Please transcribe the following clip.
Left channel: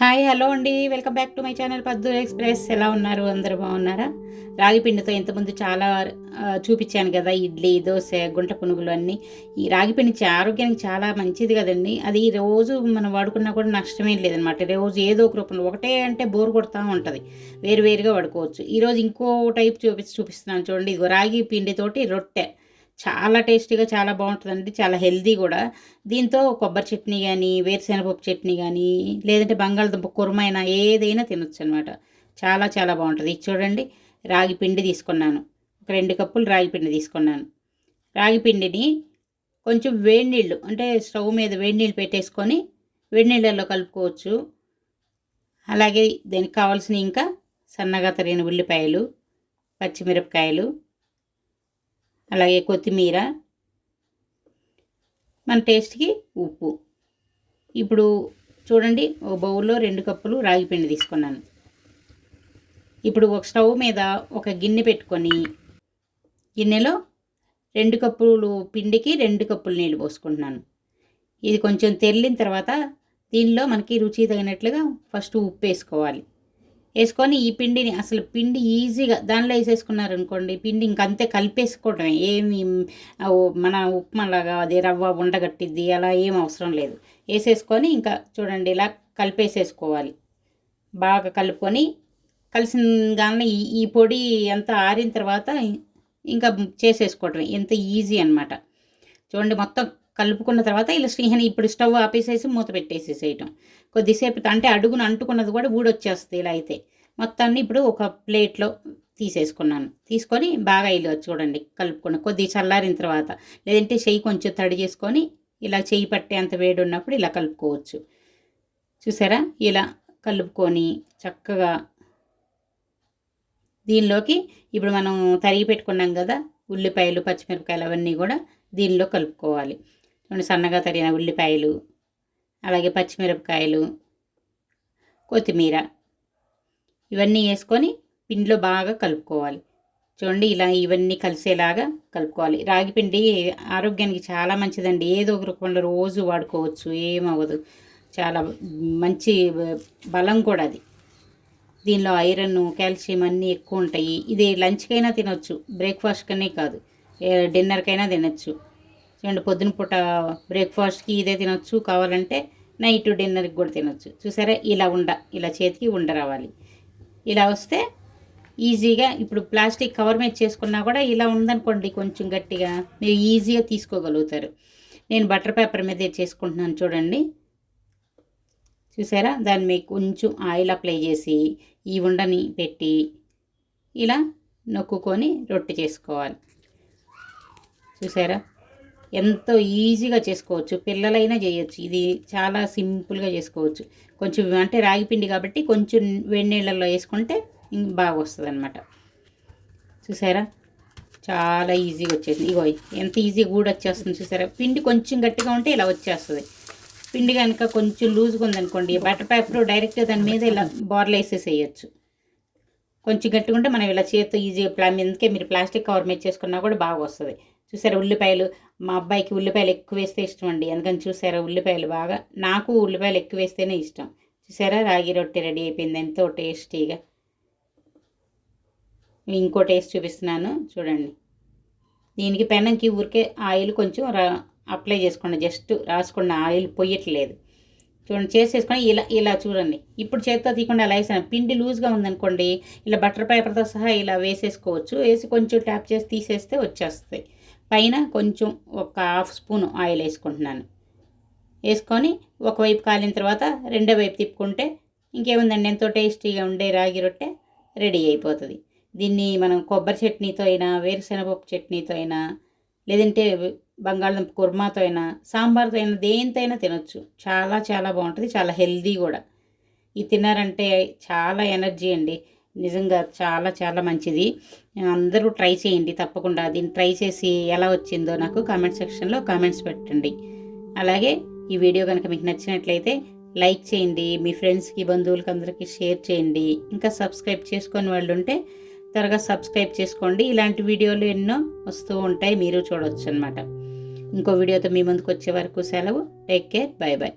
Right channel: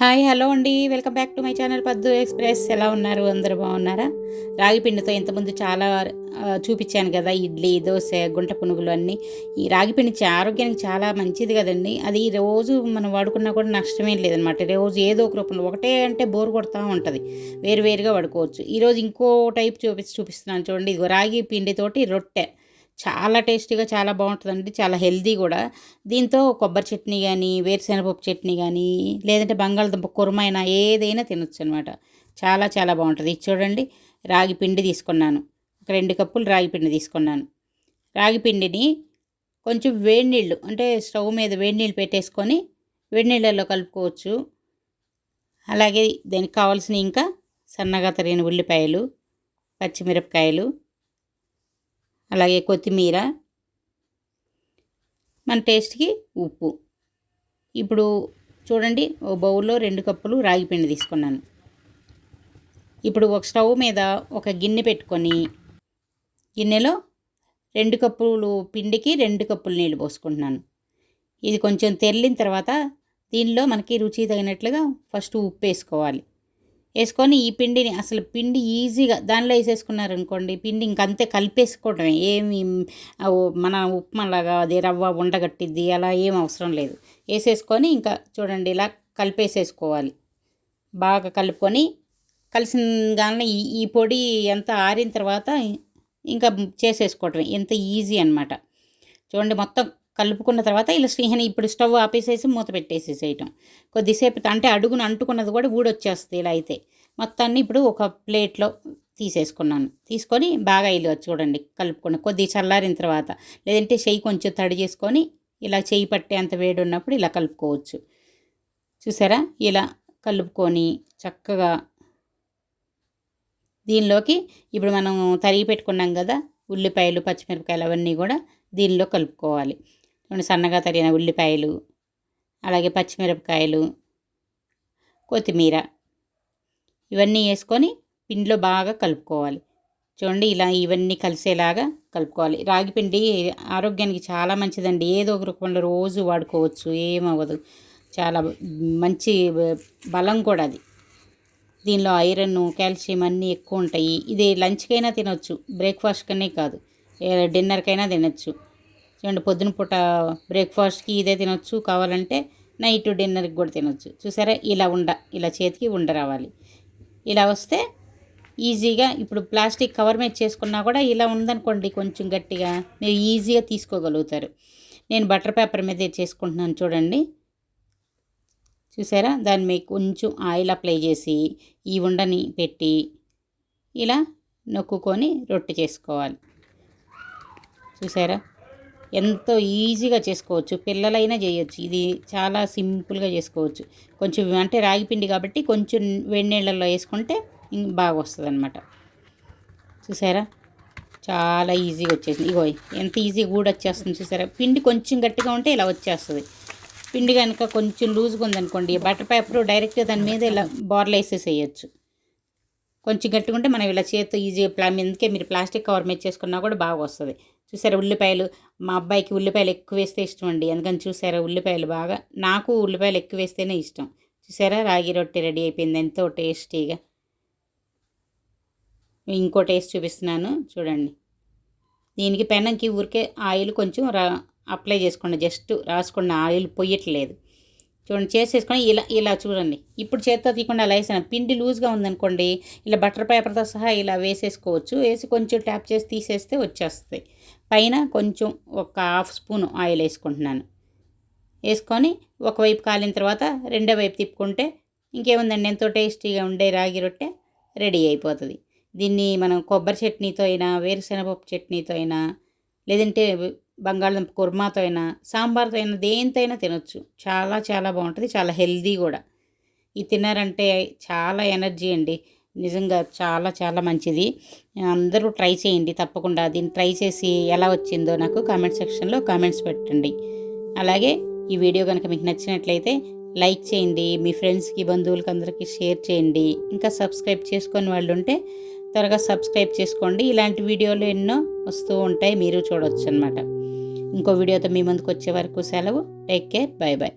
Hi hello అండి, welcome back to my channel పద్దు express. ఎలా ఉన్నారు? అందరూ బాగున్నారా? రాగి పిండితో ఇంతకుముందు చాలా చూపించాను కదా, ఇడ్లీ, దోశ, గుంట పునుగులు అన్నీ. ఈ రాగి పిండి ఆరోగ్యానికి చాలా మంచిది కదండి. అది రోజు మనం వాడుకున్నా కూడా నష్టమేం లేదనమాట. రోజు ఏదో ఒక రూపంలో, ఒకటే అంటే బోర్ కొడతా ఉంటుంది, వేరువేరుగా వాడుకోవచ్చు. ఈరోజు ఇంకో టైప్ చూపిస్తున్నాను చూడండి. ఇదిగో రాగి పిండితోటి రొట్టె చాలా టేస్టీగా, చాలా బాగుంటుందండి, చాలా హెల్తీ కూడా. దీంతో కొబ్బరి చట్నీ కానీ, వేరుశెనగపప్పు చట్నీ కానీ, లేదంటే బంగాళదుంప కుర్మైనా ఏదైనా తినొచ్చు అనమాట. చాలా చాలా బాగుంటుంది. ఇది చూడండి, రాగి పిండి తీసుకున్నాను. ఒక 2 కప్పులు రాగి పిండి తీసుకున్నాను. రాగి పిండిని కొంచెం వేడి నీళ్ళు, అంటే స్టవ్ మీద వేడి నీళ్ళు పెట్టేసుకొని వేడి నీళ్ళల్లో కలుపుకోవచ్చు. అలాగే దానికి కావాల్సిన ఇంకా సన్నగా తరిగిన ఉల్లిపాయలు, పచ్చిమిరపకాయలు, అలాగే కొత్తిమీర, మన టేస్ట్కి ఉప్పు. ఇప్పుడు చూడండి, ఒక బౌల్లో 2 కప్పులు రాగి పిండి తీసుకున్నాను. ఇప్పుడు ఒక స్టవ్ మీద ఒక గిన్నె పెట్టుకొని, గిన్నెలో 2 కప్పులు పిండికి 2 కప్పులు నీళ్ళు పోసుకుంటున్నాను. ఇది కొంచెం తెల్లిన తర్వాత దీనిలో మనకి రుచి తగినట్లుగా ఫస్ట్ ఉప్పు వేసుకోవాలి. వేసుకొని ఈ పిండిని, అసలు పిండి ఈజీగా దానిలో వేసేసుకున్నారనుకోండి, పిండి ఇంకంతే కలిపేసుకోవటమే. ఏమి మన ఉప్మాలాగా అది రవ్వ ఉండగట్టిద్ది అలా ఏం అవసరం లేదు. వేసేసుకొని ఇంకా చూడండి, ఇలా కలిపేసేసుకోవాలి. బాగా కలుపుకొని కలిసిన కానీ ఈ పొడి అంతా ఆరిన తర్వాత ఇంకా చేసేసుకోవటమే. ఎంత ఈజీ అనమాట. చూడండి, మొత్తం కలుపుకున్న తర్వాత ఇలా ఇప్పుడు స్టవ్ ఆపేసేసి మూత పెట్టేసేసేయటం. కొద్దిసేపు అంటే అడుగున అంటుకున్నది కూడా ఊడొచ్చేస్తుంది. ఇలా అయితే మొత్తాన్ని ఇప్పుడు ఒక ప్లేట్లో తీసేసుకున్నాను. తీసుకొని బాగా ఇలా చూడండి కలుపుకున్న కొద్ది చల్లారిన తర్వాత, లేదంటే చెయ్యి కొంచెం తడి చేసుకొని ఇలా చెయ్యి పట్టే అంత వేడి ఉన్నప్పుడు ఇలా కలుపుకోవచ్చు. చూసారా? ఇలా కలుపుకొని చక్కగా దీనిలోకి ఇప్పుడు మనం తరిగి పెట్టుకున్నాం కదా ఉల్లిపాయలు, పచ్చిమిరపకాయలు, అవన్నీ కూడా దీనిలో కలుపుకోవాలి. సన్నగా తరిగిన ఉల్లిపాయలు, అలాగే పచ్చిమిరపకాయలు, కొత్తిమీర, ఇవన్నీ వేసుకొని పిండిలో బాగా కలుపుకోవాలి. చూడండి, ఇలా ఇవన్నీ కలిసేలాగా కలుపుకోవాలి. రాగి పిండి ఆరోగ్యానికి చాలా మంచిదండి. ఏదో ఒక రూపంలో రోజు వాడుకోవచ్చు, ఏమవ్వదు. చాలా మంచి బలం కూడా అది. దీనిలో ఐరన్, కాల్షియం అన్నీ ఎక్కువ ఉంటాయి. ఇది లంచ్కైనా తినొచ్చు, బ్రేక్ఫాస్ట్కనే కాదు, డిన్నర్కైనా తినొచ్చు. చూడండి, పొద్దున పూట బ్రేక్ఫాస్ట్కి ఇదే తినొచ్చు, కావాలంటే నైట్ డిన్నర్కి కూడా తినొచ్చు. చూసారా? ఇలా చేతికి ఉండ రావాలి. ఇలా వస్తే ఈజీగా, ఇప్పుడు ప్లాస్టిక్ కవర్ మీద చేసుకున్నా కూడా ఇలా ఉందనుకోండి కొంచెం గట్టిగా, మీరు ఈజీగా తీసుకోగలుగుతారు. నేను బటర్ పేపర్ మీద చేసుకుంటున్నాను చూడండి. చూసారా? దాని మీద కొంచెం ఆయిల్ అప్లై చేసి ఈ ఉండని పెట్టి ఇలా నొక్కుకొని రొట్టె చేసుకోవాలి. చూసారా? ఎంతో ఈజీగా చేసుకోవచ్చు, పిల్లలైనా చేయొచ్చు. ఇది చాలా సింపుల్గా చేసుకోవచ్చు. కొంచెం అంటే రాగి పిండి కాబట్టి కొంచెం వేడి నీళ్ళల్లో వేసుకుంటే బాగా వస్తుంది అనమాట. చూసారా? చాలా ఈజీగా వచ్చేసింది. ఇగో ఎంత ఈజీగా కూడా వచ్చేస్తుంది. చూసారా? పిండి కొంచెం గట్టిగా ఉంటే ఇలా వచ్చేస్తుంది. పిండి కనుక కొంచెం లూజ్గా ఉందనుకోండి, బటర్ పేపర్ డైరెక్ట్గా దాని మీద ఇలా బార్లు వేసేసేయచ్చు. కొంచెం గట్టిగా ఉంటే మనం ఇలా చేతితో ఈజీగా అందుకే మీరు ప్లాస్టిక్ కవర్ మీద చేసుకున్నా కూడా బాగా వస్తుంది. చూసారా? ఉల్లిపాయలు, మా అబ్బాయికి ఉల్లిపాయలు ఎక్కువ వేస్తే ఇష్టం అండి, అందుకని చూసారా ఉల్లిపాయలు బాగా, నాకు ఉల్లిపాయలు ఎక్కువ వేస్తేనే ఇష్టం. చూసారా? రాగి రొట్టె రెడీ అయిపోయింది, ఎంతో టేస్టీగా. ఇంకో టేస్ట్ చూపిస్తున్నాను చూడండి. దీనికి పెనంకి ఊరికే ఆయిల్ కొంచెం అప్లై చేసుకోండి, జస్ట్ రాసుకోండి, ఆయిల్ పొయ్యట్లేదు. చూడండి, చేసేసుకొని ఇలా చూడండి. ఇప్పుడు చేత్తో తీయకుండా అలా వేసాను. పిండి లూజ్గా ఉందనుకోండి, ఇలా బటర్ పేపర్తో సహా ఇలా వేసేసుకోవచ్చు. వేసి కొంచెం ట్యాప్ చేసి తీసేస్తే వచ్చేస్తుంది. పైన కొంచెం ఒక 1/2 స్పూన్ ఆయిల్ వేసుకుంటున్నాను. వేసుకొని ఒకవైపు కాలిన తర్వాత రెండో వైపు తిప్పుకుంటే ఇంకేముందండి, ఎంతో టేస్టీగా ఉండే రాగి రొట్టె రెడీ అయిపోతుంది. దీన్ని మనం కొబ్బరి చట్నీతో అయినా, వేరుశెనగపప్పు చట్నీతో అయినా, లేదంటే బంగాళదుంప కుర్మాతో అయినా, సాంబార్తో అయినా, దేనితో అయినా తినొచ్చు. చాలా చాలా బాగుంటుంది, చాలా హెల్దీ కూడా. ఇది తిన్నారంటే చాలా ఎనర్జీ అండి, నిజంగా చాలా చాలా మంచిది. అందరూ ట్రై చేయండి తప్పకుండా. దీన్ని ట్రై చేసి ఎలా వచ్చిందో నాకు కామెంట్ సెక్షన్లో కామెంట్స్ పెట్టండి. అలాగే ఈ వీడియో కనుక మీకు నచ్చినట్లయితే లైక్ చేయండి, మీ ఫ్రెండ్స్కి, బంధువులకి అందరికీ షేర్ చేయండి. ఇంకా సబ్స్క్రైబ్ చేసుకొని వాళ్ళు ఉంటే త్వరగా సబ్స్క్రైబ్ చేసుకోండి. ఇలాంటి వీడియోలు ఎన్నో వస్తూ ఉంటాయి, మీరు చూడవచ్చు అనమాట. ఇంకో వీడియోతో మీ ముందుకు వచ్చే వరకు సెలవు. Take care, bye bye.